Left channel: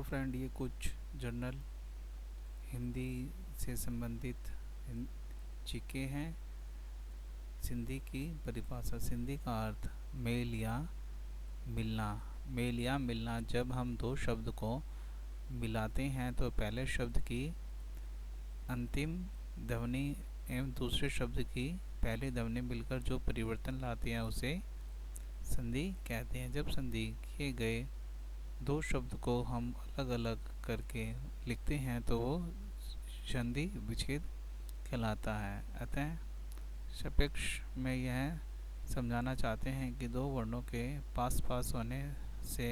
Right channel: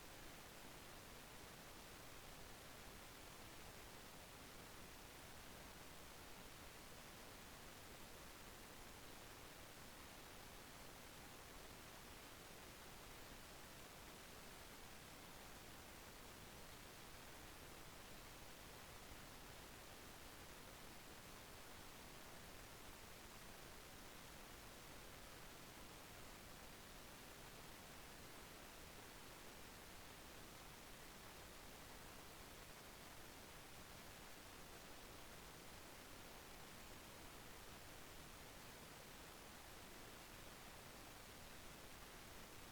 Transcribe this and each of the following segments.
Hello friend, ये कुछ general Hindi से संबंधित जीके हैं। सिंधी की परिभाषा। सिंधी का अर्थ मेल या मिलना। मेल या मिलना। जब हम दो शब्द को मिलाते हैं तो पहले शब्द की अंतिम ध्वनि एवं दूसरे शब्द की पहली ध्वनि मिलकर जो परिवर्तन लाती है उसे संधि कहते हैं। जब संधि किए गए दो शब्द को हम अलग अलग करके लिखते हैं तो वो संधि विच्छेद कहलाता है। अतः सापेक्ष में यह समझाना चाहते हैं कि दो वर्णों के पास पास होने से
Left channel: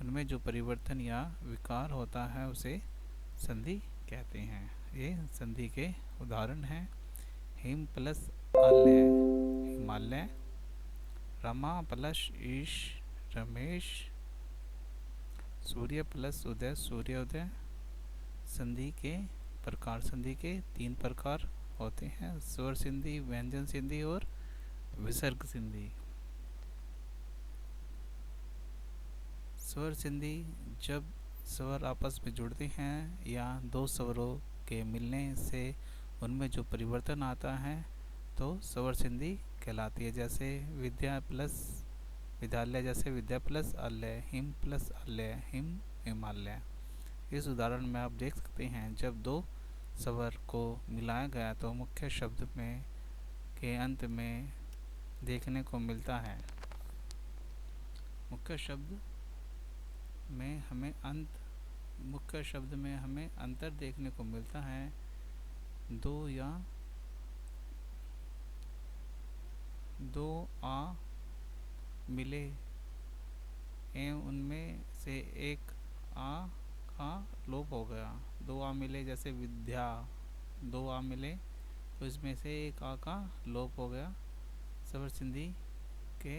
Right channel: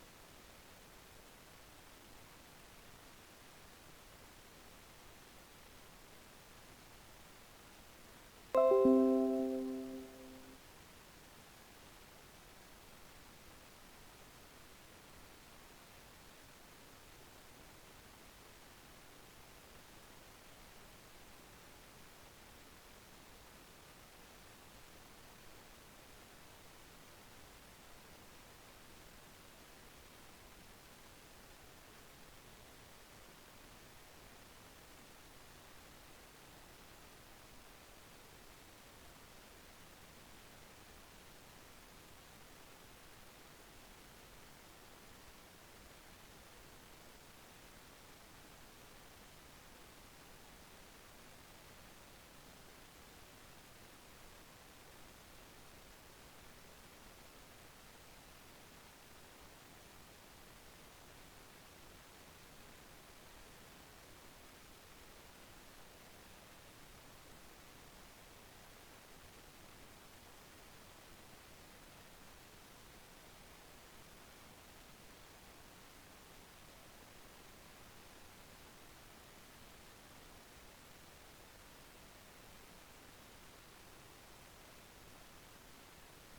उनमें जो परिवर्तन या विकार होता है उसे संधि कहते हैं। ये संधि के उदाहरण हैं। हिम प्लस आल्य हिमालय, रमा प्लस ईश रमेश, सूर्य प्लस उदय सूर्योदय। संधि के प्रकार। संधि के तीन प्रकार होते हैं: स्वर संधि, व्यंजन संधि और विसर्ग संधि। स्वर संधि जब स्वर आपस में जुड़ते हैं या दो स्वरों के मिलने से उनमें जो परिवर्तन आता है तो स्वर संधि कहलाती है। जैसे विद्या प्लस विद्यालय, जैसे विद्या प्लस आलय, हिम प्लस आलय, हिम हिमालय। इस उदाहरण में आप देख सकते हैं जब दो स्वर को मिलाया गया तो मुख्य शब्द में के अंत में देखने को मिलता है। मुख्य शब्द में हमें अंतर देखने को मिलता है। दो आ मिले एवं उनमें से एक आ का लोप हो गया। दो आ मिले, जैसे विद्या, दो आ मिले तो इसमें से एक आ का लोप हो गया। स्वर संधि के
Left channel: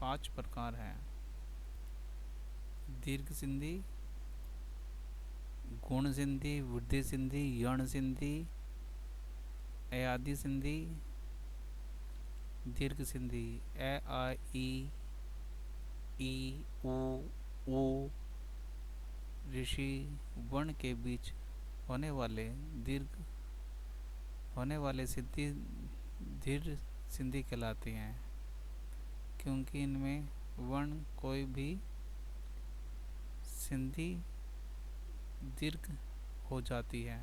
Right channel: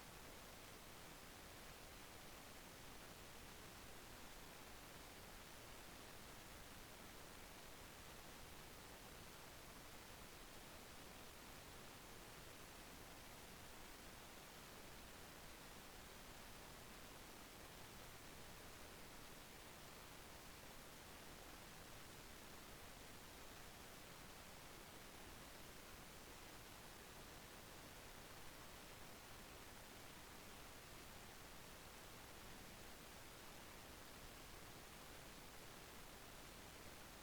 5 प्रकार हैं: दीर्घ संधि, गुण संधि, वृद्धि संधि, यण संधि, अयादि संधि। दीर्घ संधि ए आ ई उ ऊ ऋषि वर्ण के बीच होने वाले संधि दीर्घ संधि कहलाते हैं, क्योंकि इनमें वर्ण कोई भी संधि दीर्घ हो जाती है।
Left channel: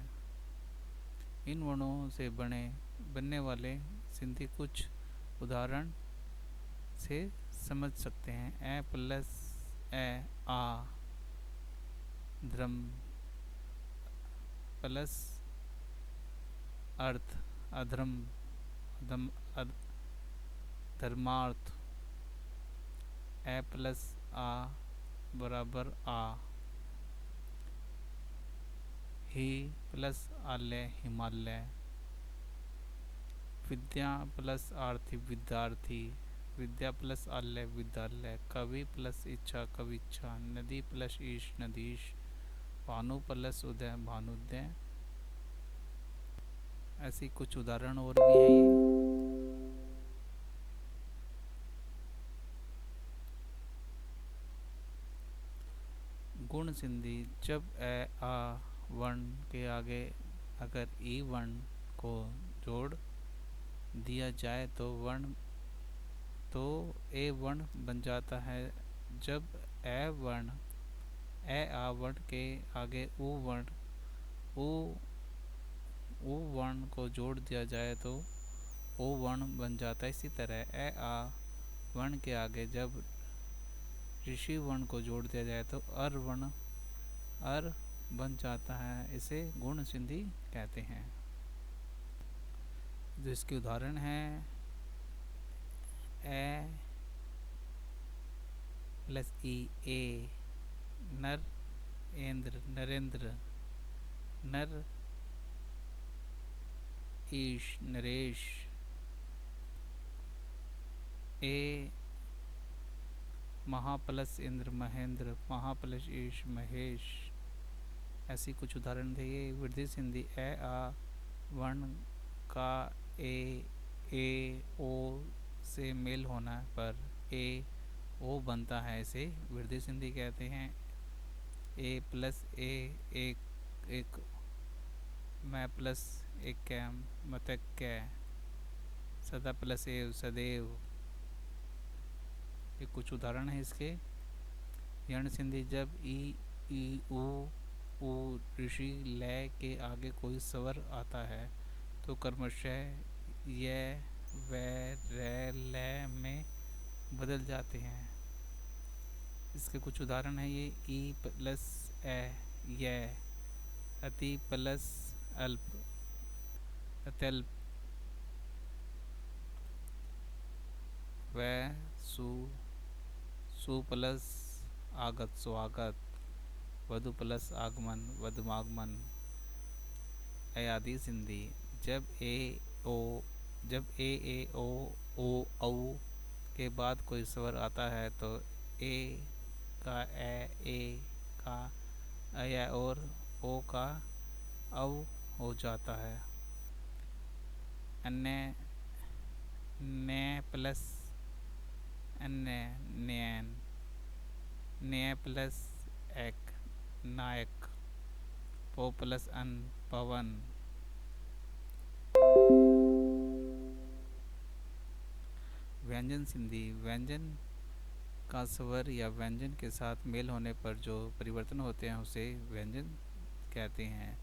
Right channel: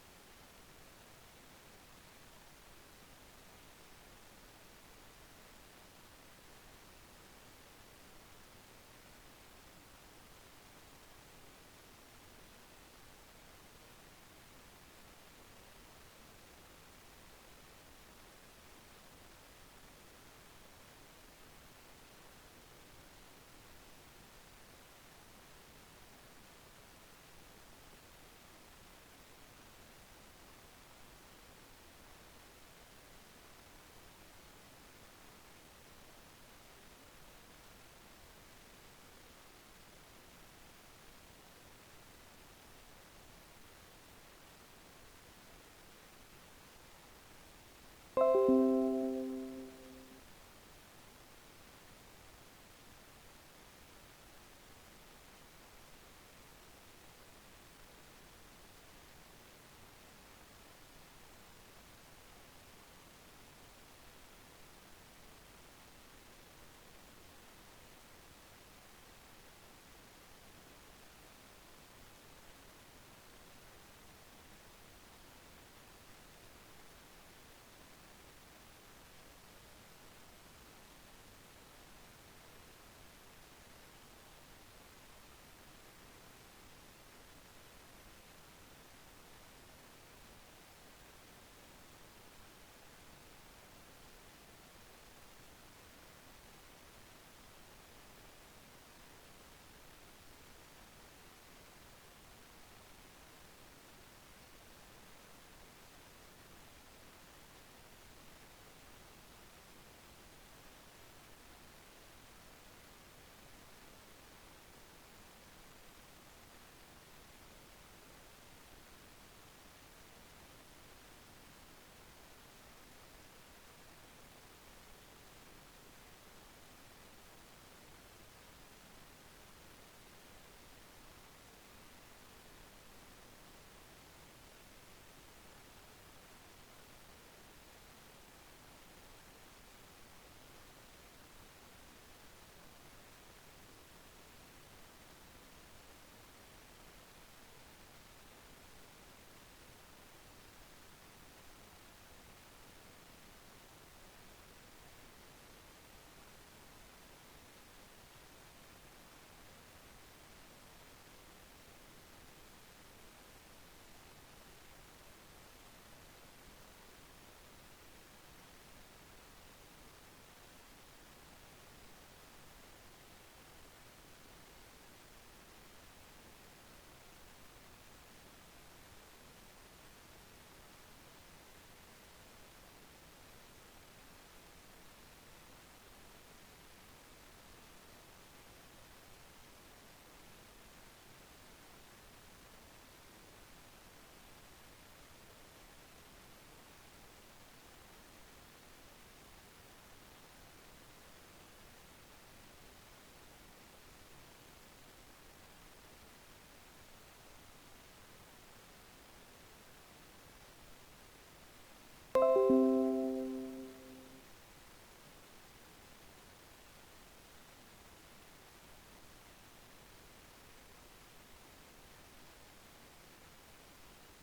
इन वर्णों से बनने वाले संधि कुछ उदाहरण से समझ सकते हैं। ए प्लस ए आ, धर्म प्लस अर्थ अधर्म, धर्मार्थ। ए प्लस आ बराबर आ। ही प्लस आलय हिमालय। विद्या प्लस आरती विद्यार्थी, विद्या प्लस आलय विद्यालय। कवि प्लस इच्छा कविच्छा, नदी प्लस ईश नदीश, भानु प्लस उदय भानुदय। ऐसी कुछ उदाहरण और भी हैं। गुण संधि जब ए आ वर्ण के आगे अगर ई वर्ण को जोड़ दिया जाए तो ए वर्ण बन जाता है। जब ए आ वर्ण के आगे उ वर्ण को जोड़ दिया जाए तो ओ वर्ण बन जाता है। इसी तरह ए आ वर्ण के आगे जब ऋषि वर्ण को जोड़ दिया जाए तो अर बन जाता है। इसे गुण संधि कहते हैं। जिसके उदाहरण हैं ए प्लस ई ए, नर इंद्र नरेंद्र, नर ईश नरेश, ए महा प्लस इंद्र महेंद्र, महा प्लस ईश महेश। ऐसी कुछ उदाहरण थे। ये वृद्धि संधि ए आ वर्ण का ए ओ से मेल होना पर ए ओ बनता है, इसे वृद्धि संधि कहते हैं। ए प्लस ए एक एक मैं प्लस एक कैम मतक कै सदा प्लस एव सदैव। ये कुछ उदाहरण है इसके। यण संधि जब ई ऊ ऋषि लय के आगे कोई स्वर आता है तो क्रमशः य व र ल में बदल जाते हैं। इसके कुछ उदाहरण है ये। ई प्लस ए य, अति प्लस अल्प अत्यल्प, व सु सु प्लस आगत स्वागत, वधु प्लस आगमन वधुमागमन। अयादी संधि जब ओ ओ के बाद कोई स्वर आता है तो ए का ए का अय और ओ का औ हो जाता है। अन्य ने प्लस अन्य नैन, न्याय प्लस एक नायक, पो प्लस अन पवन। व्यंजन संधि व्यंजन का स्वर या व्यंजन के साथ मेल होने पर जो परिवर्तन होते हैं उसे व्यंजन कहते हैं।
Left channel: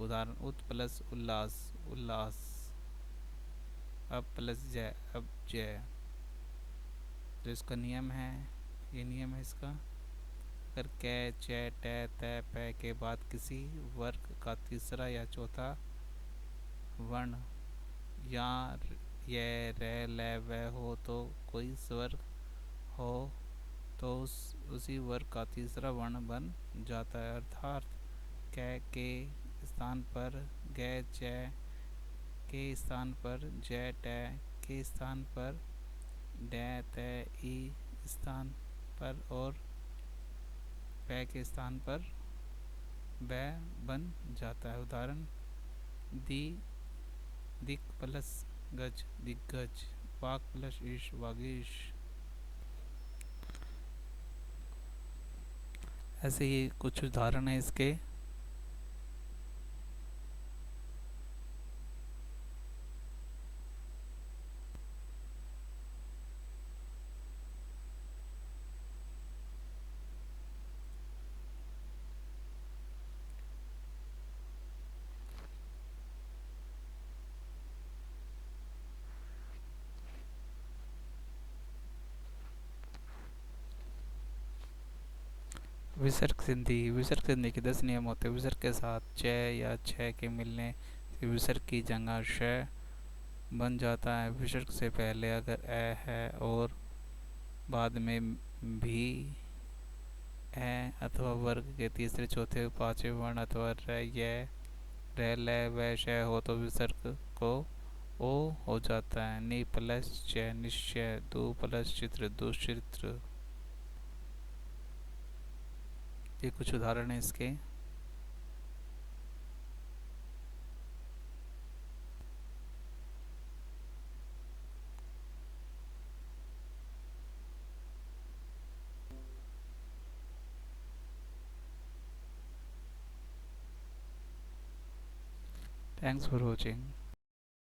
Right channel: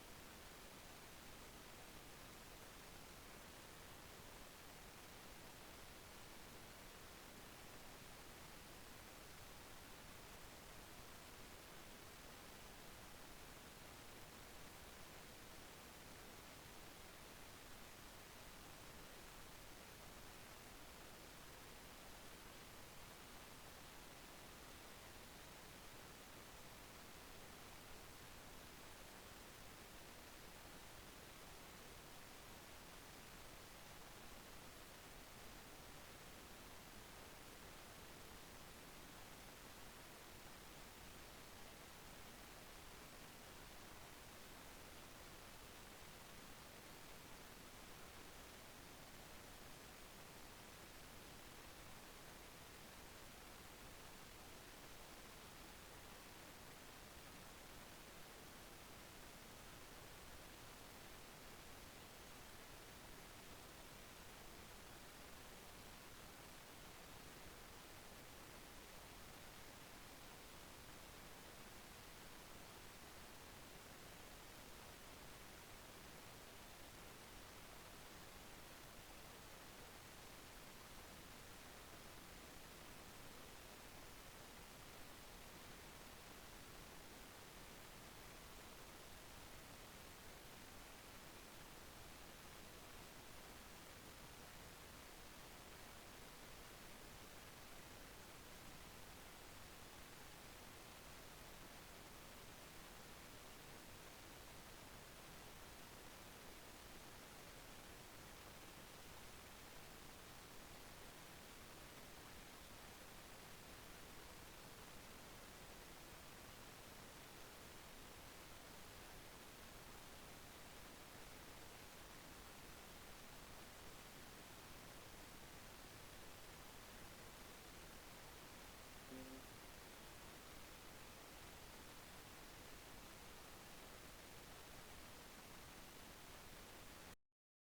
उदाहरण उत प्लस उल्लास उल्लास, अब प्लस जय अब जय। जो इसका नियम है, ये नियम है इसका। अगर कै च ट त प के बाद किसी वर्ग का तीसरा या चौथा वर्ण या य र ल व हो तो कोई स्वर हो तो उसी वर्ग का तीसरा वर्ण बन जाता है। अर्थात कै के स्थान पर ग, च के स्थान पर ज, ट के स्थान पर ड, त ई स्थान पर और प के स्थान पर ब बन जाता है। उदाहरण दि दिक प्लस गज दिग्गज, वाक प्लस ईश वागीश। ऐसे ही कुछ उदाहरण है इसके। विसर्ग संधि के 10 नियम होते हैं। विसर्ग के साथ च या छ के मिलने से विसर्ग की जगह श बन जाता है। विसर्ग से पहले अगर ए है और बाद में भी ए अथवा वर्ग के तीसरे चौथे पांचवें वर्ण अथवा र य र ल व श हो तो विसर्ग को ओ हो जाता है। नि प्लस च निश्चय, दु प्लस चित्र दुश्चित्र। ये कुछ उदाहरण है इसके। Thanks for watching.